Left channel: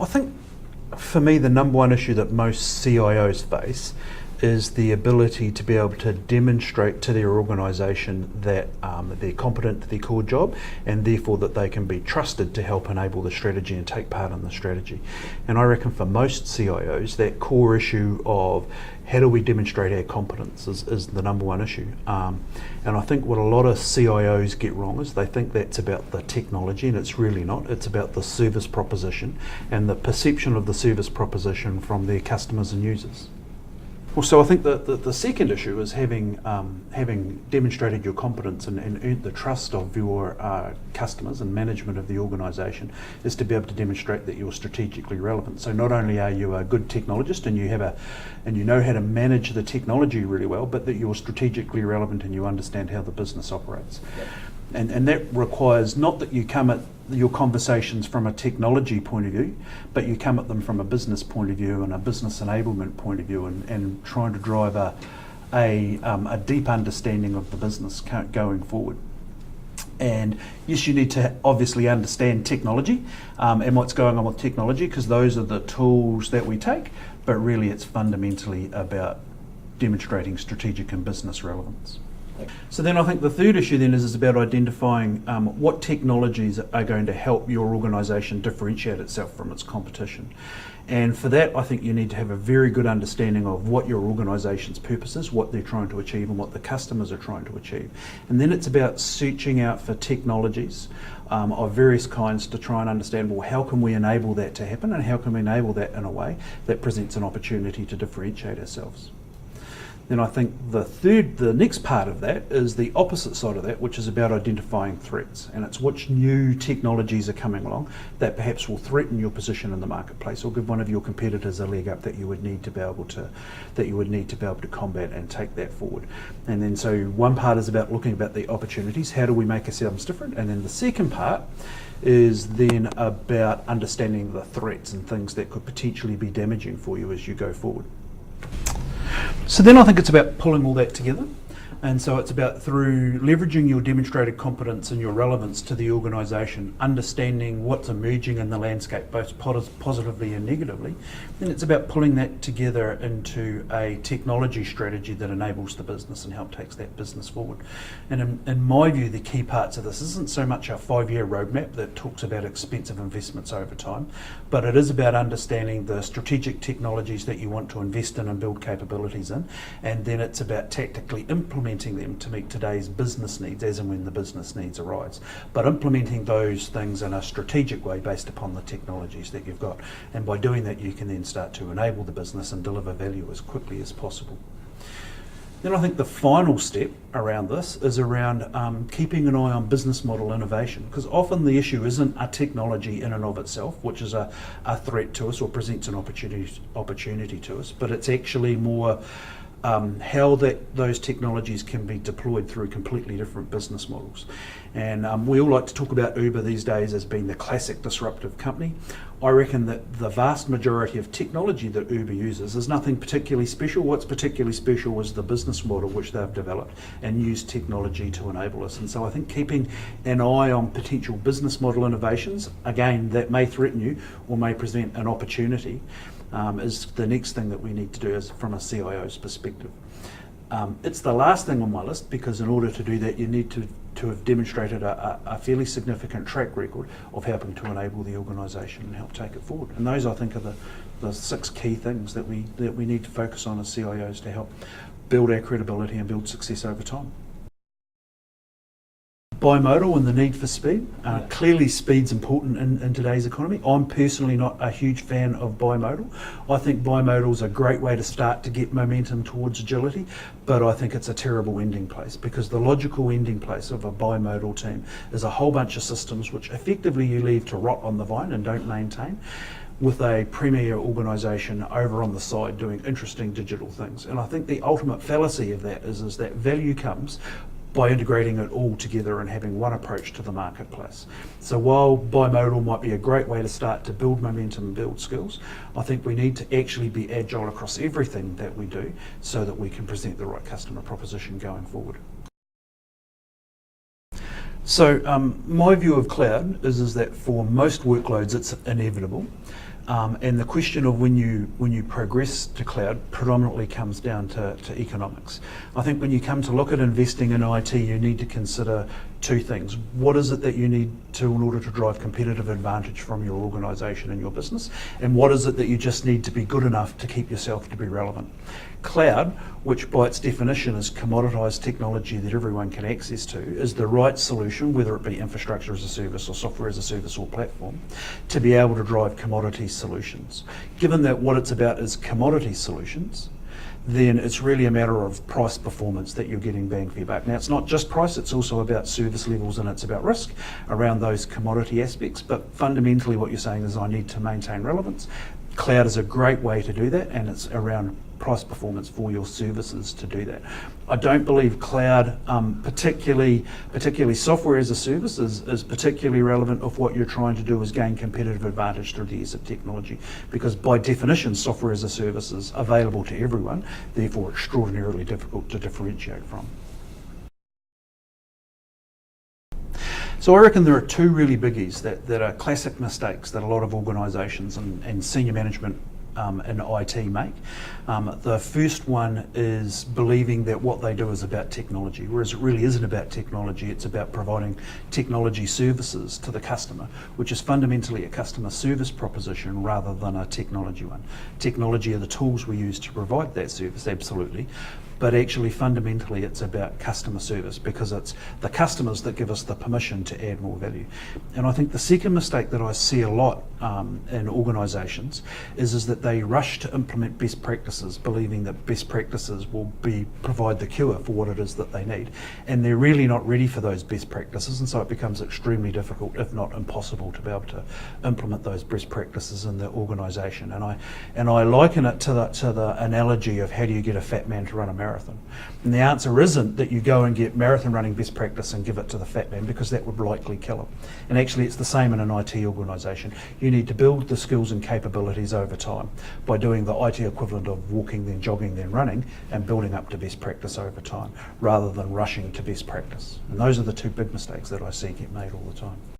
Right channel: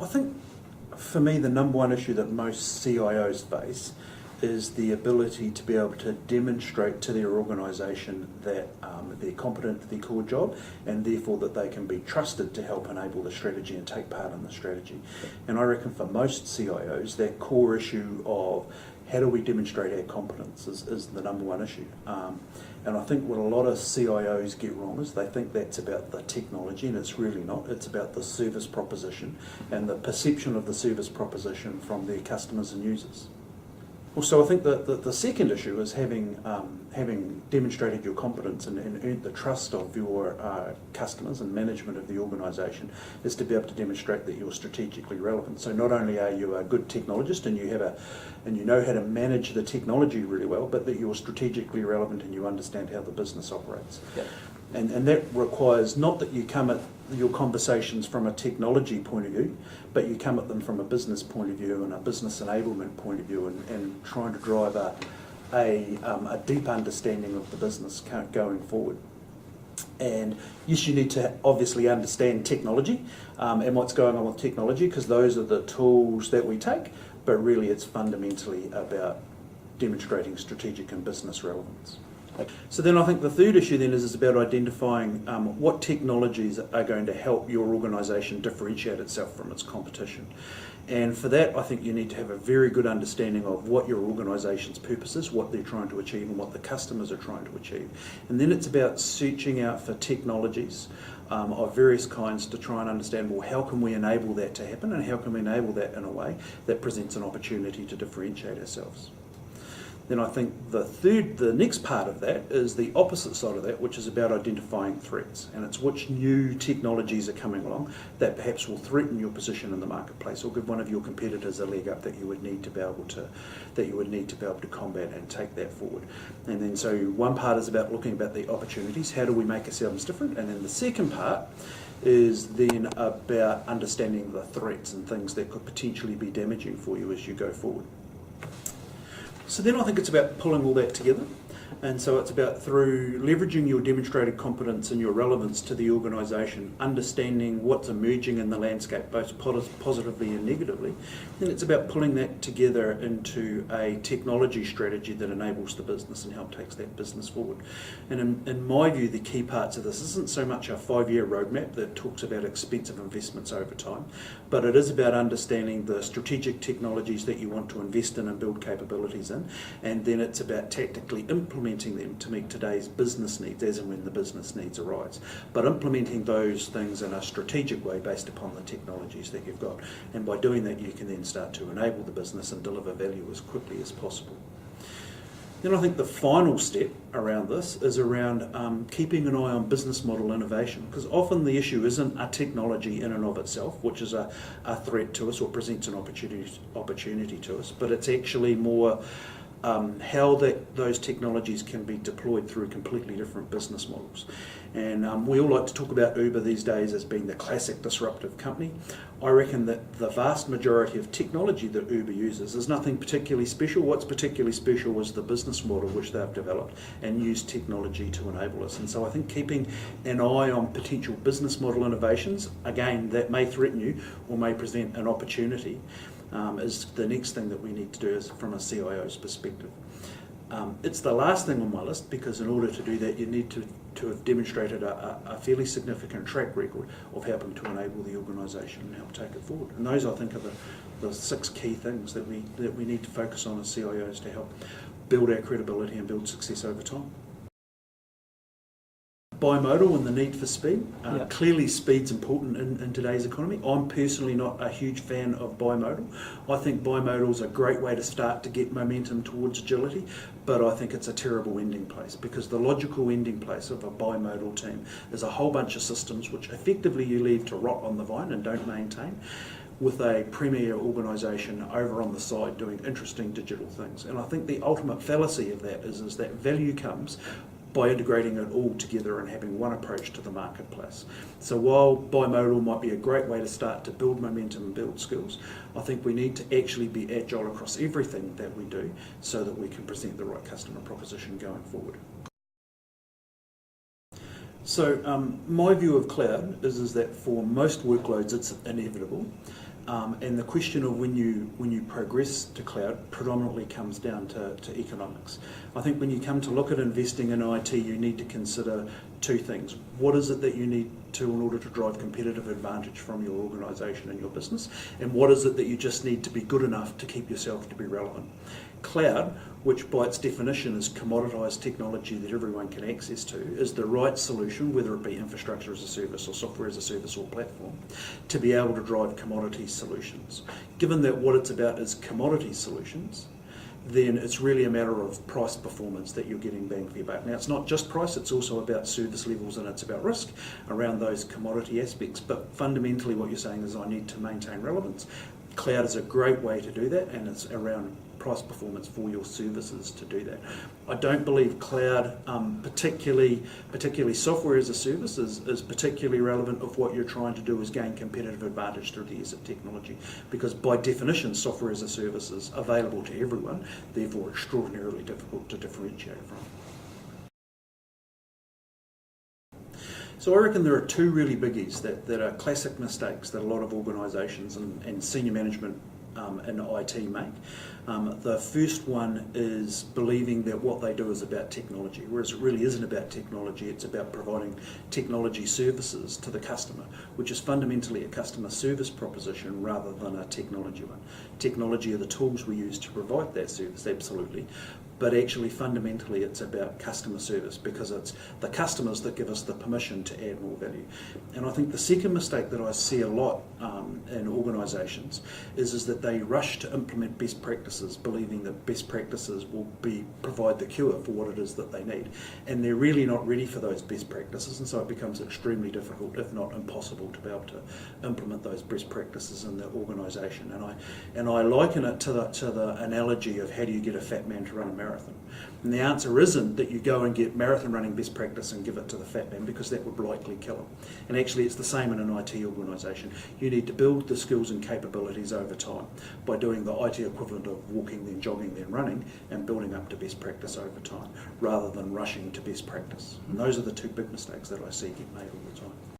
I think for me the number one issue that most CIOs face is the ability to be able to demonstrate to their organisation that they're competent to their core job, and therefore that they can be trusted to help enable the strategy and take part in the strategy. And I reckon for most CIOs that core issue of how do we demonstrate our competence is the number one issue. And I think what a lot of CIOs get wrong is they think that's about the technology, and it's really not. It's about the service proposition and the perception of the service proposition from their customers and users. Well, so I think the second issue is having demonstrated your competence and earned the trust of your customers and management of the organisation is to be able to demonstrate that you're strategically relevant. So not only are you a good technologist and you know how to manage the technology really well, but that you're strategically relevant and you understand how the business operates. Yep. And that requires not that you come at your conversations from a technology point of view, but you come at them from a business point of view and a business enablement point of view, and trying to drive a deep understanding of the business going forward. And yes, you need to obviously understand technology and what's going on with technology, because those are the tools that we take, but really it's fundamentally about demonstrating strategic and business relevance. So then I think the third issue then is about identifying what technologies are going to help your organisation differentiate itself from its competition. And for that, I think you need to have a very good understanding of what your organisation's purpose is, what they're trying to achieve and what the customers are trying to achieve. And then it's about searching out for technologies of various kinds to try and understand, well, how can we enable that to happen, and how can we enable that in a way that presents an opportunity to differentiate ourselves. Then I think the next part of that is the opposite side of that, which is about identifying threats, and it's which new technologies are coming along that perhaps will threaten your position in the marketplace or give one of your competitors a leg up that you would need to be able to combat and take that forward. And then so one part is about looking at the opportunities, how do we make ourselves different, and then the second part is then about understanding the threats and things that could potentially be damaging for you as you go forward. So then I think it's about pulling all that together, and so it's about through leveraging your demonstrated competence and your relevance to the organisation, understanding what's emerging in the landscape both positively and negatively. Then it's about pulling that together into a technology strategy that enables the business and help takes that business forward. And in my view, the key parts of this isn't so much a 5-year roadmap that talks about expensive investments over time, but it is about understanding the strategic technologies that you want to invest in and build capabilities in, and then it's about tactically implementing them to meet today's business needs as and when the business needs arise. But implementing those things in a strategic way based upon the technologies that you've got. And by doing that, you can then start to enable the business and deliver value as quickly as possible. Then I think the final step around this is around keeping an eye on business model innovation, because often the issue isn't a technology in and of itself, which is a threat to us or presents an opportunity to us, but it's actually more how those technologies can be deployed through completely different business models. And we all like to talk about Uber these days as being the classic disruptive company. I reckon that the vast majority of technology that Uber uses is nothing particularly special. What's particularly special is the business model which they've developed and used technology to enable us. And so I think keeping an eye on potential business model innovations, again, that may threaten you or may present an opportunity, is the next thing that we need to do is from a CIO's perspective. It's the last thing on my list, because in order to do that you need to have demonstrated a fairly significant track record of helping to enable the organisation and help take it forward. And those, I think, are the 6 key things that we need to focus on as CIOs to help build our credibility and build success over time. Bimodal and the need for speed. Clearly speed's important in today's economy. I'm personally not a huge fan of bimodal. I think bimodal's a great way to start to get momentum towards agility, but I think it's a terrible ending place, because the logical ending place of a bimodal team is a whole bunch of systems which effectively you leave to rot on the vine and don't maintain, with a premier organisation over on the side doing interesting digital things. And I think the ultimate fallacy of that is that value comes by integrating it all together and having one approach to the marketplace. So while bimodal might be a great way to start to build momentum and build skills, I think we need to actually be agile across everything that we do so that we can present the right customer proposition going forward. So my view of cloud is that for most workloads it's inevitable. And the question of when you progress to cloud predominantly comes down to economics. I think when you come to look at investing in IT, you need to consider two things. What is it that you need to in order to drive competitive advantage from your organisation and your business? And what is it that you just need to be good enough to keep yourself to be relevant? Cloud, which by its definition is commoditised technology that everyone can access to, is the right solution, whether it be infrastructure as a service or software as a service or platform, to be able to drive commodity solutions. Given that what it's about is commodity solutions, then it's really a matter of price performance that you're getting bang for your buck. Now, it's not just price, it's also about service levels and it's about risk around those commodity aspects, but fundamentally what you're saying is I need to maintain relevance. Cloud is a great way to do that, and it's around price performance for your services to do that. I don't believe cloud, particularly software as a service, is particularly relevant if what you're trying to do is gain competitive advantage through the use of technology, because by definition software as a service is available to everyone, therefore extraordinarily difficult to differentiate from. So I reckon there are two really biggies that are classic mistakes that a lot of organisations and senior management in IT make. The first one is believing that what they do is about technology, whereas it really isn't about technology, it's about providing technology services to the customer, which is fundamentally a customer service proposition rather than a technology one. Technology are the tools we use to provide that service, absolutely, but actually fundamentally it's about customer service, because it's the customers that give us the permission to add more value. And I think the second mistake that I see a lot in organisations is that they rush to implement best practices, believing that best practices will provide the cure for what it is that they need. And they're really not ready for those best practices, and so it becomes extremely difficult, if not impossible, to be able to implement those best practices in the organisation. And I liken it to the analogy of how do you get a fat man to run a marathon. And the answer isn't that you go and get marathon running best practice and give it to the fat man, because that would likely kill him. And actually it's the same in an IT organisation. You need to build the skills and capabilities over time by doing the IT equivalent of walking, then jogging, then running, and building up to best practice over time, rather than rushing to best practice. And those are the two big mistakes that I see get made all the time.